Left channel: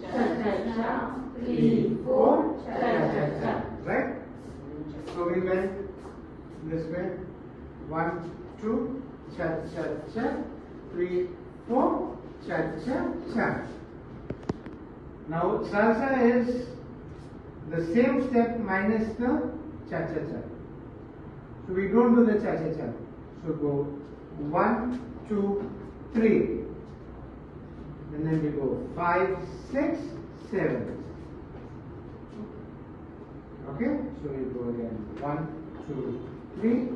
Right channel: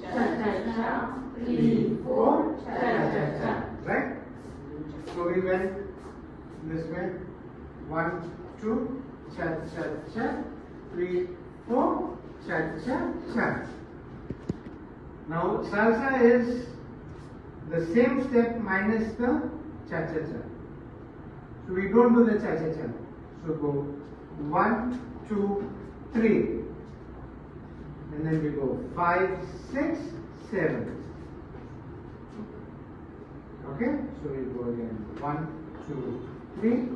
cha-cha-cha, 3, 4, cha-cha-cha. Right? So we went this way. 1, 2, cha-cha-cha, 3, 4, cha-cha-cha. Now salsa is the same step minus the cha-cha-cha. So we don't do the cha-cha-cha. So go 1, 2, 3. And then we go 5, 6, 7. Okay? So we go again 1, 2, 3,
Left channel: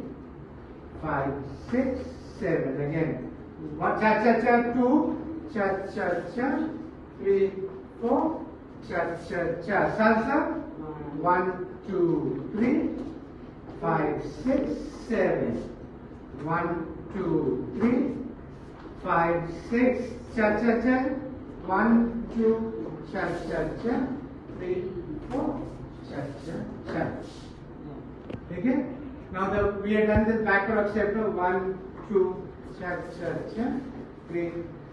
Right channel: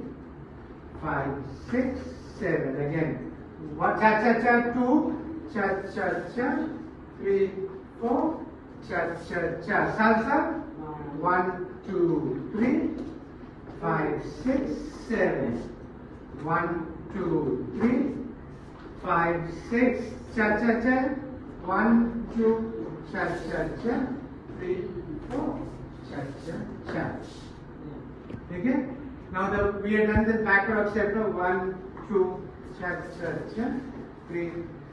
5, 6, 7. Again. Cha-cha-cha, 2, cha-cha-cha, 3, 4, cha-cha-cha. Salsa. 1, 2, 3, 5, 6, 7. 1, 2, 3, 5, 6. Cha-cha-cha. 1, 2, cha-cha-cha. 3, 4, cha-cha-cha. Okay? Now we have done the backward step. 1, 2, cha-cha-cha. 3,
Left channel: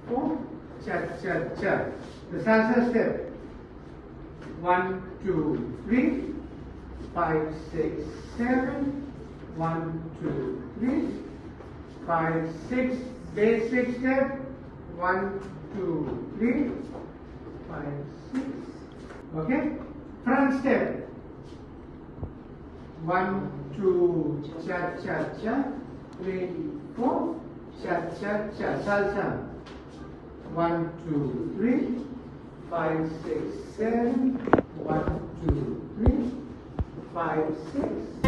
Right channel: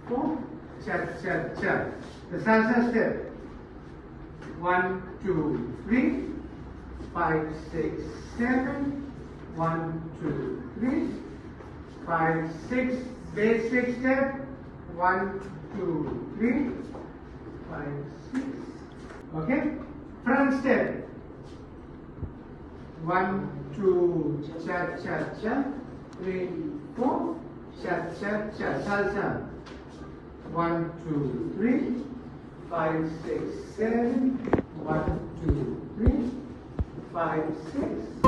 4, cha-cha-cha. The salsa step. 1, 2, 3, 5, 6, 7. 1, 2, 3, 5, 6. Basic step. 1, 2, 3, 5, 6. Okay? Front step. 1, 2, cha-cha-cha. 3, 4, cha-cha-cha. Salsa. 1, 2, 3, 5, 6, 7. 1, 2, 3, 5, 6.